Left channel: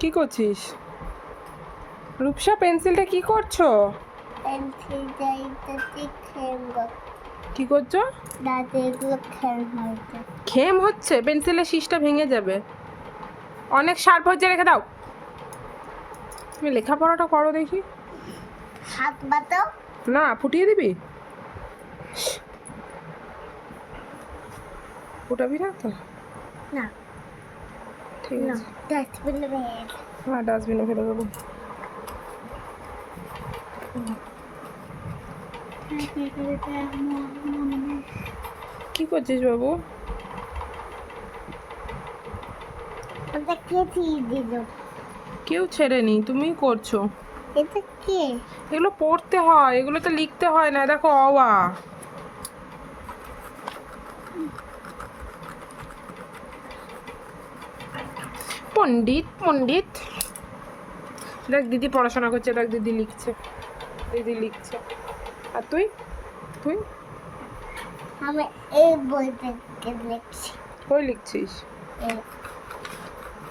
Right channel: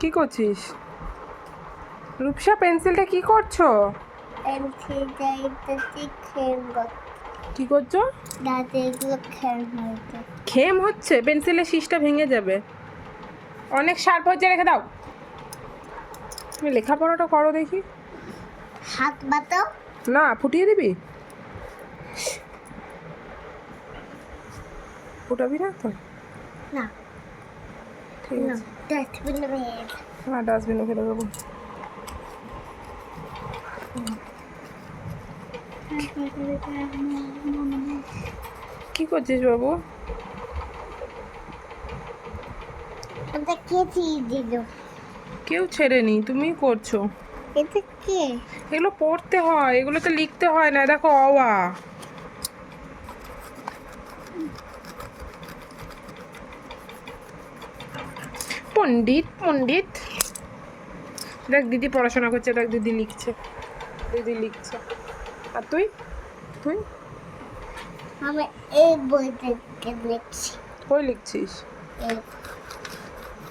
কি করছিস? রূপসা পেন্সিলটা কি করছো? পেন্সিলটা একটু খেম কি করছো? দাঁতে এগুলো খেম হয়েছে। খেম হচ্ছে? পেন্সিলের শীষটা ভেঙে যাবে। অনেক শার্প হচ্ছে, রেখে দাও। তুমি লেখাপড়াটা করো দেখি। হাত বাতো না, ফুটিয়ে দিবি? ফুটাবি না তো? না ঠিক না আছে। ডাস্টবিনে ভেঙে হ্যাঁ, ডাস্টবিনে ফেলে দেবো। কি করছিস বাবু? এটা কে দিয়ে দিল? কেউ ছেড়েনি, তুমিই করছো। এটা কে? এগুলো পড়তে হয়, এগুলো তো লিখতে হয় না। দেখো, অ আ। পণ্ডিত পণ্ডিত। দেখ দিদি পড়াশোনা করছে, দেখ দিদি লিখছে, দিদি লিখছে। আর তুই তুই আমি এই বইতে লিখছি। কই লিখছিস? এই